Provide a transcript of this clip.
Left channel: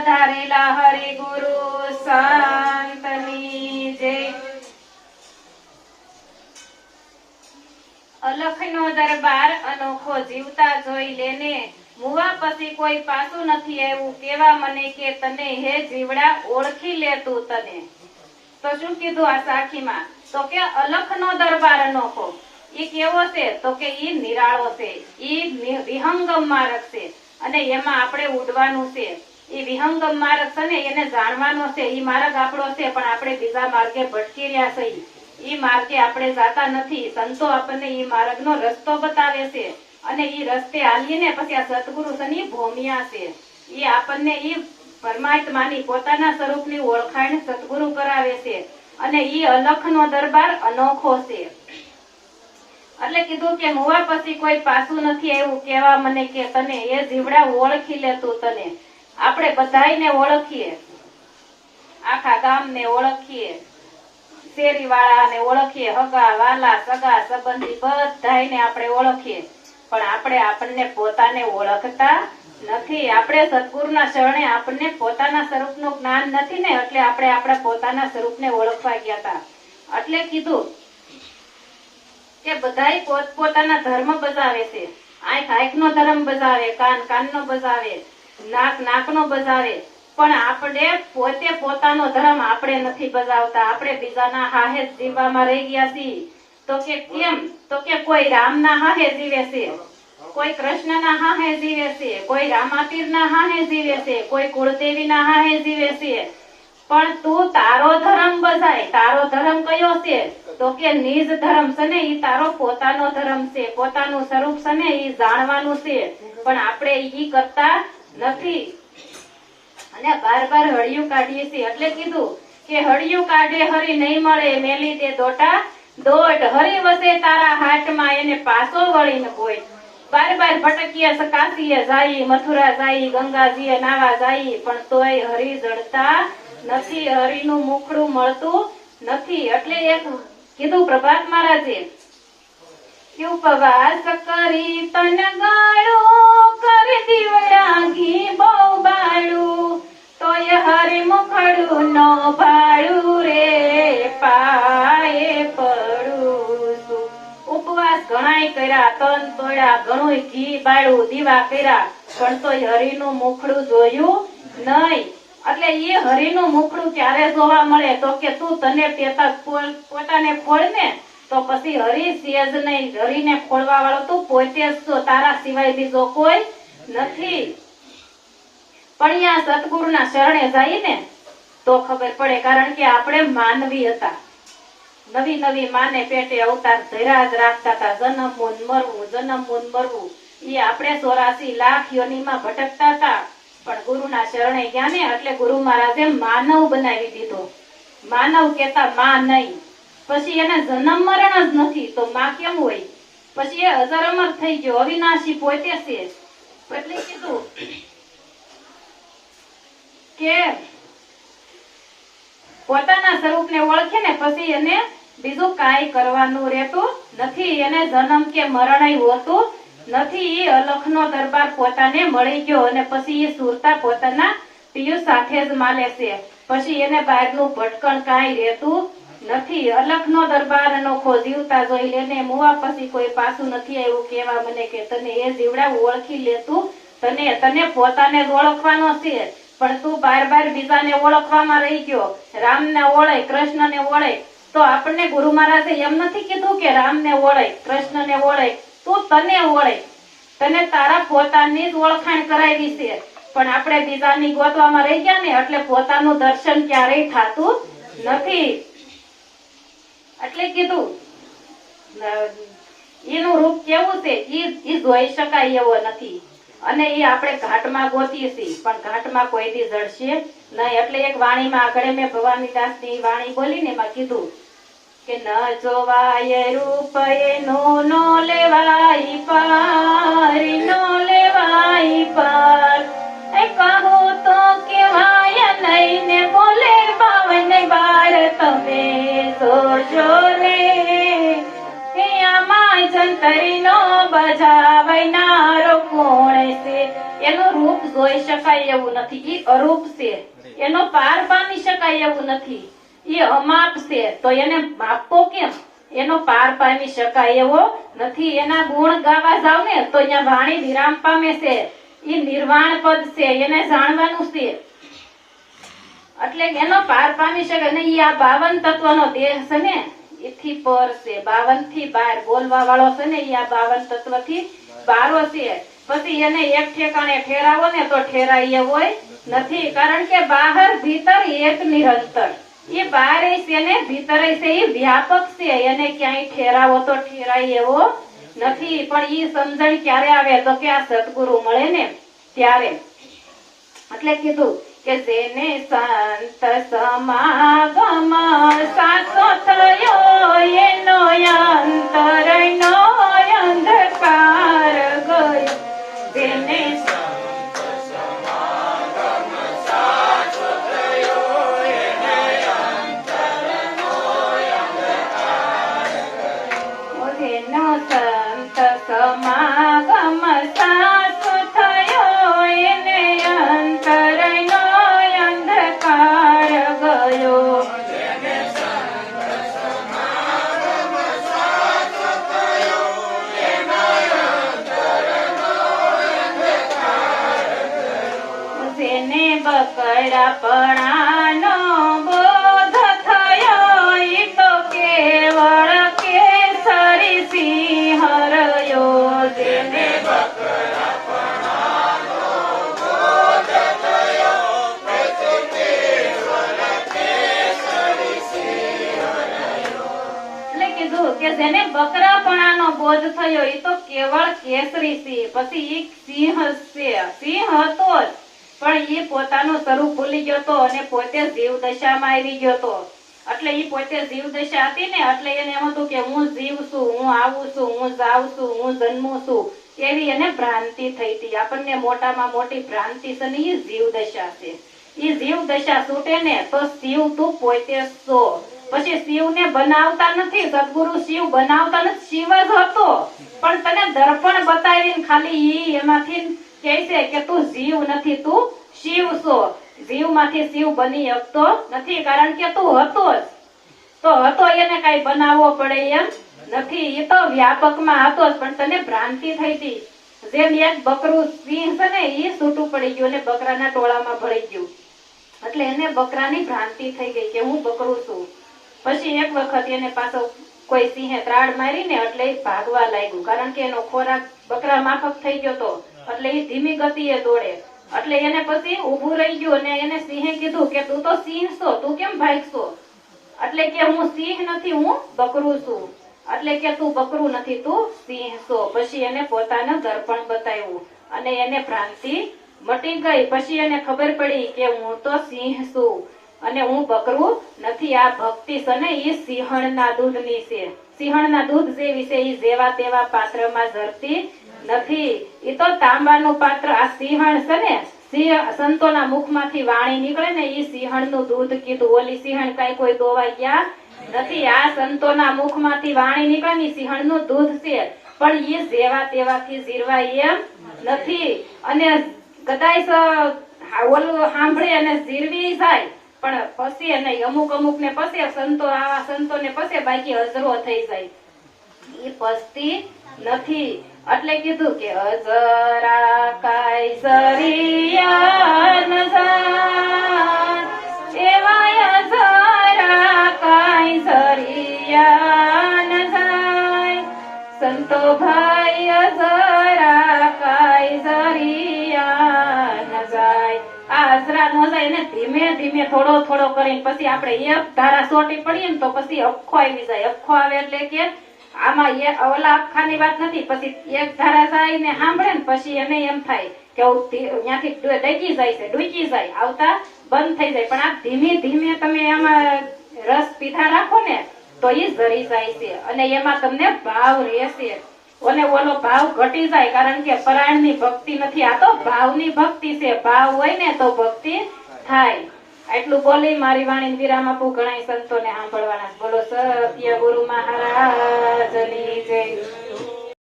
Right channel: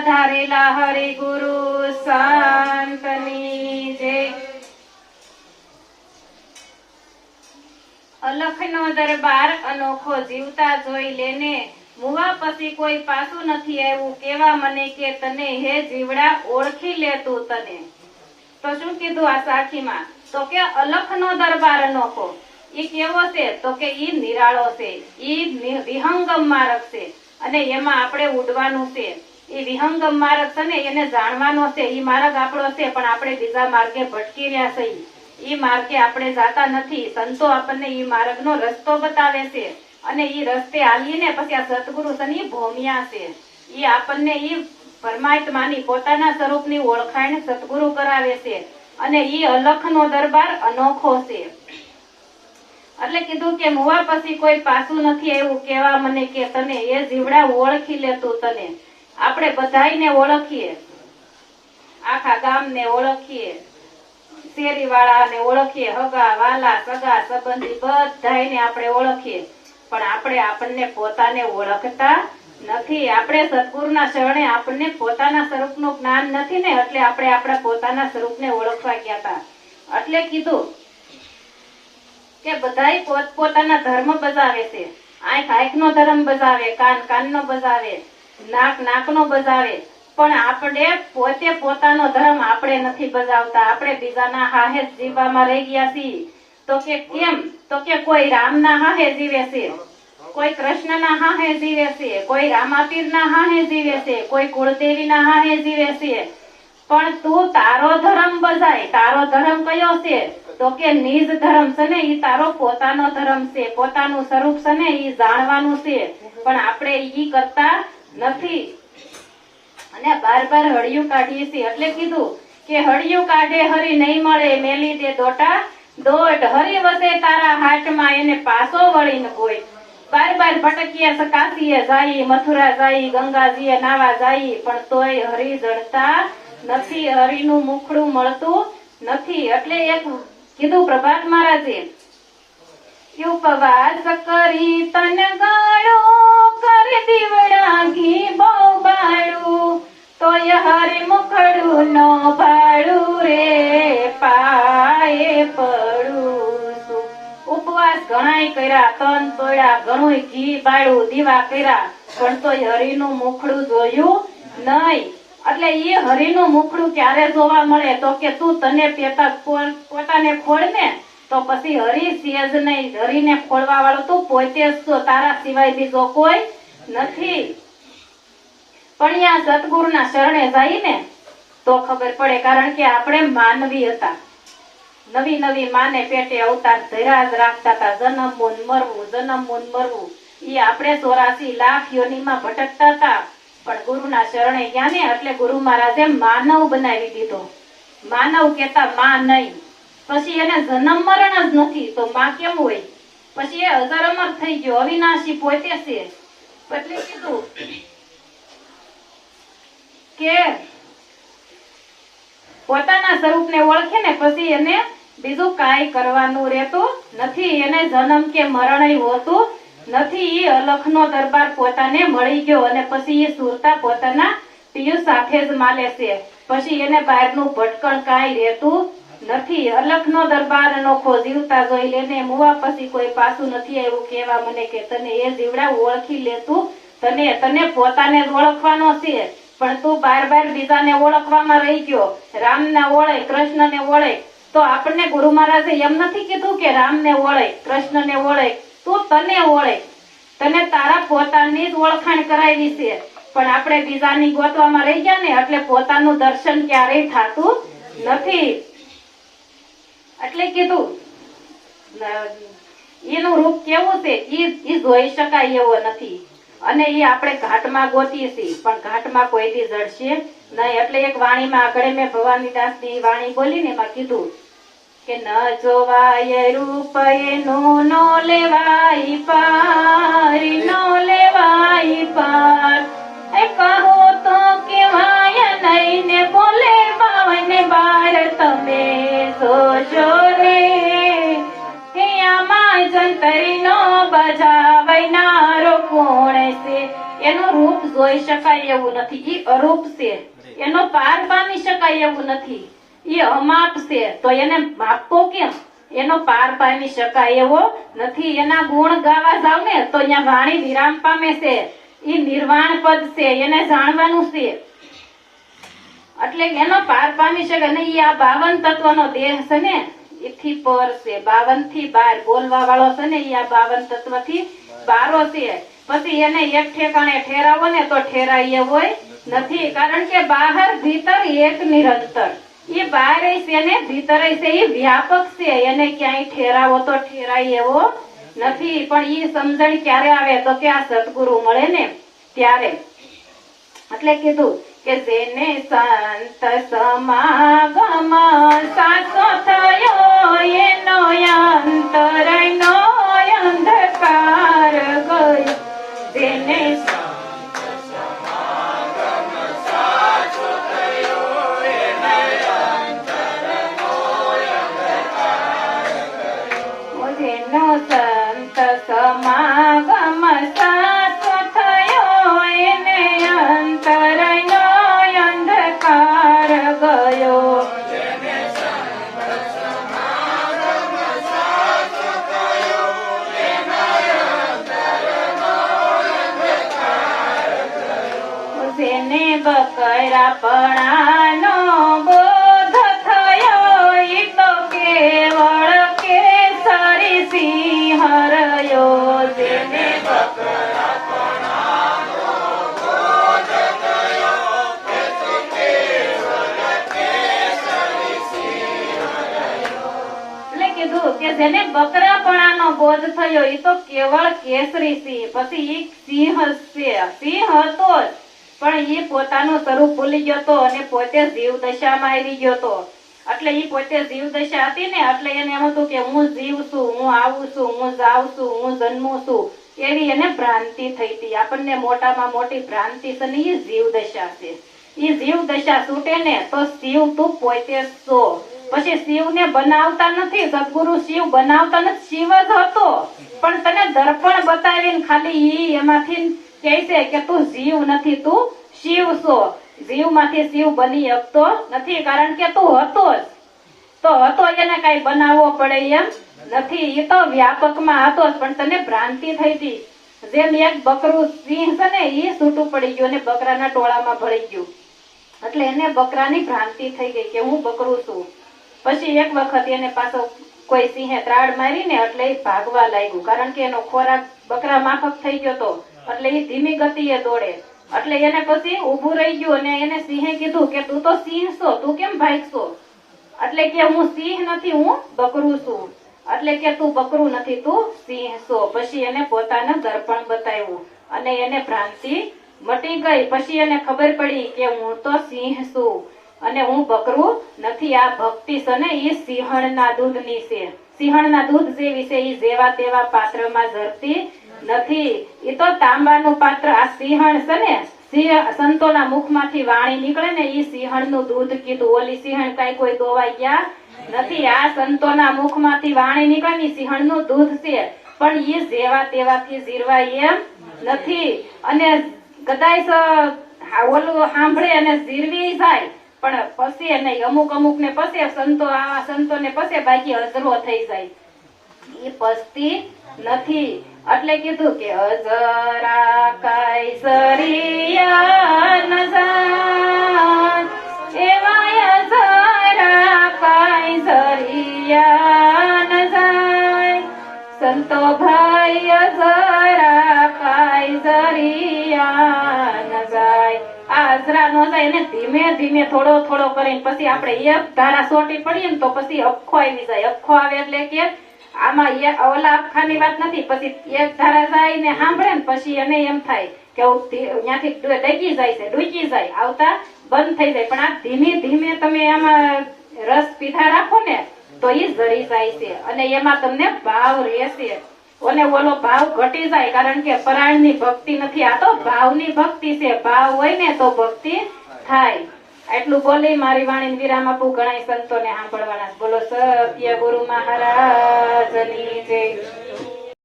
પધારેલા હરિ ગુરુ સંતની જય। અલખનો દરબાર અનોખો જીવતા જોઈ લેને, મુવા પછી કોઈ પાછું નથી એવું કેવા મને કે તને હે જીવડા ઓળખી લે તું તને। તો શું કીધું આ સાખીમાં? તો કે અલખનો દરબાર અનોખો ઈ કેવો છે? તો કે ઈ નિરાળો છે, ઈ વિહંગમ માર્ગ છે અને એમાં આપણે ઉડવાનું છે। ઈ વિહંગમ માર્ગ છે ને એને જાણવાનો છે, ઈ માર્ગ આપણો છે પણ આપણે બીજા માર્ગે ભટકી રહ્યા છીએ। ઈ માર્ગે આપણે જાતા નથી, સંતો આપણને ઈ માર્ગનો રસ્તો બતાવે છે અને ઈ રસ્તે હાલીને પછી આ સતગુરુ શની ભોમિયા છે, ઈ આપણને ઈ પરમાત્માની પોતાના સ્વરૂપની ઓળખાણ સતગુરુ કરાવે છે અને ઈ અલખનો દરબાર અનોખો છે। એટલે કીધું કે મુવા પછી કોઈ પાછું નથી એવું કેવા મને કે તને એ જીવડા ઓળખી લે તું તને। આપણે બધાયને ઓળખીએ, આખા ગામને ઓળખીએ, શેરી વાળાને ઓળખીએ, હગા વાલા સગા સંબંધી બધાયને આપણે ઓળખીએ, પણ આપણે આપણને પોતાને ઓળખતા નથી। આપણે સદગુરુના શરણે આપણને પોતાના સ્વરૂપનું જ્ઞાન નથી ને, એટલે આપણે આપણા પોતાના સ્વરૂપને ઓળખવા ગયા હતા। એટલે કીધું કે બધાય પોતપોતાના ધર્મ બજાવે છે। આંખ આંખનો ધર્મ બજાવે, કાન કાનનો બજાવે, નાક નાકનો બજાવે, પણ આપણે પોતે પોતાનો ધર્મ આપણે નથી બજાવતા। આપણે બીજાના હાહે જીવવામાં રહી ગયા છીએ। તો કે કેમ? તો કે કોઈ રામના હાહે જીવે છે, કોઈ કૃષ્ણના હાહે જીવે છે, કોઈ રામાપીરના હાહે જીવે છે, કોઈ કુળદેવીના હાહે જીવે છે, પણ તું તારો ધર્મ બજાય। તારો ધર્મ કયો છે? તો કે નિજ ધર્મ છે ને, ઈ તારો પોતાનો ધર્મ છે, પોતાનું સ્વરૂપ છે ને ઈ જાણવાનું છે, પણ આપણે ઈ કરતા નથી અને બાર બાર હળિયું કાઢીએ છીએ। એટલે કીધું કે હળિયું કાઢે હરી નહીં મળે, મેલી દે દોટા દોટ, હરી વસે તારા હાટમાં એને પાછો વળી ન કોઈ। બાર બાર ભટકીએ, કાશીએ જાય, મથુરા જાય, ગંગાજીએ નાવા જાય, પણ તોય હરી જડતા નથી, હરીનું મુખડું મળતું નથી। એટલે એક કીધું પ્રભાત મહારાજે, ઉપવાસ કરી તન ગાળું, કર દીવડા ઘી બહુ બાળું, તોય હરી મુખડું ન ભાળું રે, પાયે પડું છું। ઉપવાસ ઘણાય કર્યા, તન તોડ્યા, ઘણું ઘી બાળું, દીવા કર્યા, પણ તોય હરીનું મુખડું જોયું નહીં। એટલે એ હરીનું મુખડું ક્યારે જોવા મળે? તો કે તું તને પોતાને ખોળ ને, તો પછી હરી સેજ નહીં, હરીને ખોળવા વાળો તું પોતે જ છો, તારા સિવાય બીજો કોઈ નથી। પણ આ સતગુરુના શરણે જાય ને તો ખબર પડે, કારણ કે આપણે માનવી હતા, નવી નવી માને પેટે અવતાર ધર્યા જ રાખતા હતા, જન્મ મૂન મરવું, જન્મ મૂન મરવું, એ આપણે 84 લાખ યોનીમાં ભટકતા હતા, પણ ગુરુના શરણે ગયા ને એટલે ગુરુ મહારાજે માનવ બનાવી દીધો। માનવ કેતા માં નહીં, પછી એને જન્મ મરણ જ નથી તો માં કેમ હોય? પછી એ અજર અમર થઈ ગયો, અવિનાશી પોતે છે। એટલે કીધું કે પોતાના સ્વરૂપને ઓળખે ને પછી એને બીજું કાંઈ કરવાનું રહેતું નથી, એને જન્મ કે મરણ હોતું નથી। એ અલખનો દરબાર પોતાને મળી ગયો અને પછી એ સુરતા પોતાના પિયુ સાથે જ માલે છે, પછી એને બહારનું ભટકણ કાંઈ રહેતું નથી। અલખનો દરબાર અનોખો જીવતા જોઈ લેને, મુવા પછી કોઈ પાછું નથી એવું કેવા મને કે તને એ જીવડા ઓળખી લેતું તને પોતાને જ ઓળખવાનો છે, પણ તું બાર બાર બીજાને ઓળખવામાં રહી ગયો। રામને ઓળે, કૃષ્ણને ઓળે, તો આપણને ગુરુ મહારાજે એમ નથી કીધું કે રામને ઓળે, કૃષ્ણને ઓળે, તું તને ઓળે, તને તારા પોતાની જ ઓળખાણ કરાવી છે, પણ આપણે બીજાની ગોતવામાં રહી ગયા ને એટલે પોતાનું દર્શન ક્યારેય થતું નથી। એટલે કીધું એનું રૂપ કેવું છે એ જોઈ શકાય એવો નથી, અને એ આપણે ઘાટમાં ગોતીએ છીએ પણ ઘાટમાં કોઈ દી જડશે નહીં। એટલે એક વાણીમાં આગળ મેં ભવાનીદાસની વાણી બોલી ને એમાં કીધું કે ન જોવાય રૂપ એનું નો લેવાય પાર, નો લેવાય પાર, કહો તો કેવાય નહીં ને બોલે ભાવને બાર, તમે જોશો રે આમાં જંતરીનો બજાવનારો કોણ છે? એનું રૂપ જોઈ શકાય એવું નથી. ઈ અરૂપ છે, એનો પાર પામી શકાય એવું નથી. ઈ અમાપ છે, તો એને માપવો કેમ? એનો પાર પામી શકાય એવો નથી. એના ગુણ ગાવા જાવ ને તો અહીંયા વાણી વિરામ પામે છે. ઈ નિર્વાણ પદ છે, એને જાણવાનું છે. એટલે એનો પાર પામી શકે નહીં. આ 52 તત્વનો દેહ છે ને એથી પર છે. 52 થી બહાર બોલવા વાળો છે ને ઈ આ 52 તત્વ થી બારો છે. પછી એને એક ઠેકાણે ઠેરાવો ને તો ઠેરાય એવો નથી. કારણ કે બહાર ભીતર એક નિરંતર. એ બહાર છે ને ભીતર છે, એ વ્યાપક છે. એને ક્યાંય ઠેરાવો તો ઠેરાય એવો નથી. પણ ઈ સમજણ ક્યારે આવે તો કે આ સદગુરુ મળે ને ત્યારે. એટલે કીધું કે જેને સંત સમાગમ સાચો થયો એનો અંતરનો અંધકાર ગયો. જેને જેનો સંત સમાગમ સાચો થયો એને અંતરનો અંધકાર ગયો. જેને બકરાપણાનો બોધ થયો ઈ તો કેવળ કેસરી સિંહ રહ્યો. જેને કે જેને બકરાપણાનો બોધ થયો એ તો કેવળ કેસરી સિંહ. પછી ઈ સિંહ છે, સિંહ હતો જ પણ એ પોતાનું સ્વરૂપ ભૂલી ગયો તો અને પોતે જીવ દશામાં આવી ગયો તો. એટલે એ પોતે જીવ દશા હતી ને એટલે એને એમ હતું કે હું જીવ છું, હું આવું છું, હું જાઉં છું, હું જન્મું છું. એવી એને ભ્રાંતિ થઈ હતી. આપણને મોટામાં મોટી ભ્રાંતિ છે ને એ જીવ દશા છે. એ જીવ દશા છૂટે ને તો શિવ તું પોતે છો. પછી શિવને બનાવતા નથી, સદગુરુ શિવ બનાવતા નથી, શિવ જ હતો. પણ તને દર્પણ બતાવીને ખાલી ઈ એમાંથી કહે છે કે તું જીવ નથી, તું શિવ છો. જીવ માંથી શિવ બની શકતો નથી. કારણ કે તું હતો જ તો હતો, એને કઈ બનાવવો પડે એમ નથી. એ તો વ્યાપકમાં હતો જ પણ તને ભ્રાંતિ થઈ હતી. જેમ એક બકરું સિંહ છે ને એ છૂટું પડી ગયું અને બકરાના ટોળામાં ભળી ગયું. એટલે એને બકરાની ભ્રાંતિ થઈ ગઈ કે હું બકરું છું. પછી એક વખત એને પાછો કોઈ સિંહે ત્રાડ મારી ને એટલે એ ભાગવા લાગ્યું. કારણ કે એનો ખોરાક બકરા માફક થઈ ગયો તો એટલે એ ધીમી ગતિએ દોડે. એટલે એને પછી ઉભું રહી ગયું અને એને સિંહે કીધું કે તું તો સિંહ છો, તું કેમ ભાગશો? એટલે કે હું સિંહ નથી, હું બકરું છું. એટલે કે તું બકરું નથી, તું સિંહ છો. પછી એને પોતાનું દર્પણ બતાવ્યું અને એને ભ્રાંતિ મટી ગઈ. પછી એને ખબર પડી કે હું તો સિંહ છું અને હું બકરું નથી. આ ભક્તિ છે ને એ સિંહણના દૂધની છે. સિંહણના દૂધ જેવી છે. એ જેવા તેવા પાત્રમાં ઝરતી નથી. એ તો તાંબાનું પાત્ર. આ સિંહણ છે ને સંતોના મુખમાંથી વાણી નીકળે ને એ સિંહણનું દૂધ કીધું. ઓલી સિંહણ કઈ કોઈ ગોવાઈ ગયા નથી. આ સંતોના મુખમાંથી વાણી નીકળે ને સિંહણનું દૂધ છે. પણ એ જેવા તેવાથી જીરવાય એમ નથી. અને કદાચ ઓલું સાંભળે અને જીરવી જાય પણ પસે નહીં. અમુક ને પસે સંતો, આવા સંતોને પસે, બાકી અજરો થઈ જાય. એ પસતી નથી. એટલે કીધું કે અજરા કાયસરિયા ન જાય એવા અજરા કાયસરિયા ન જાય. સંતો ભાઈ અજરા કાયસરિયા ન જાય. આ અજરા ન જાય ને ધીમે ધીમે થોડો થોડો કરીને પછી આપણે એક ધારા સોટી પડીએ ને તો પછી અખો આવી જાય. અખો આવે એટલે કે આમાં ઓલા આખાની વાત નથી. પછી એક ધારા જાય ને સાંભળે ને પછી એને એમ થાય કે ત્યાંથી ડગી જાય છે, ડૂકી જાય, આવતા બંધ થઈ જાય. પણ આ ધીમે ધીમે તમે એમાં રસ પીધા રાખો ને તો એ જરી જાય છે અને એમાં તમને ભાવ રહેશે. અને ઓલો ભાવ ઘટી જાય. કારણ કે પરાયણની ભક્તિ નથી, આ તો ભાવની ભક્તિ છે. ભાવ હોય ને તો ભક્તિ થાય. એટલું બોલી મારી વાણી વિરામ આપું. ઘણા સંતોને સાંભળવાના. બોલો સત્ય ગુરુ મહારાજની જય.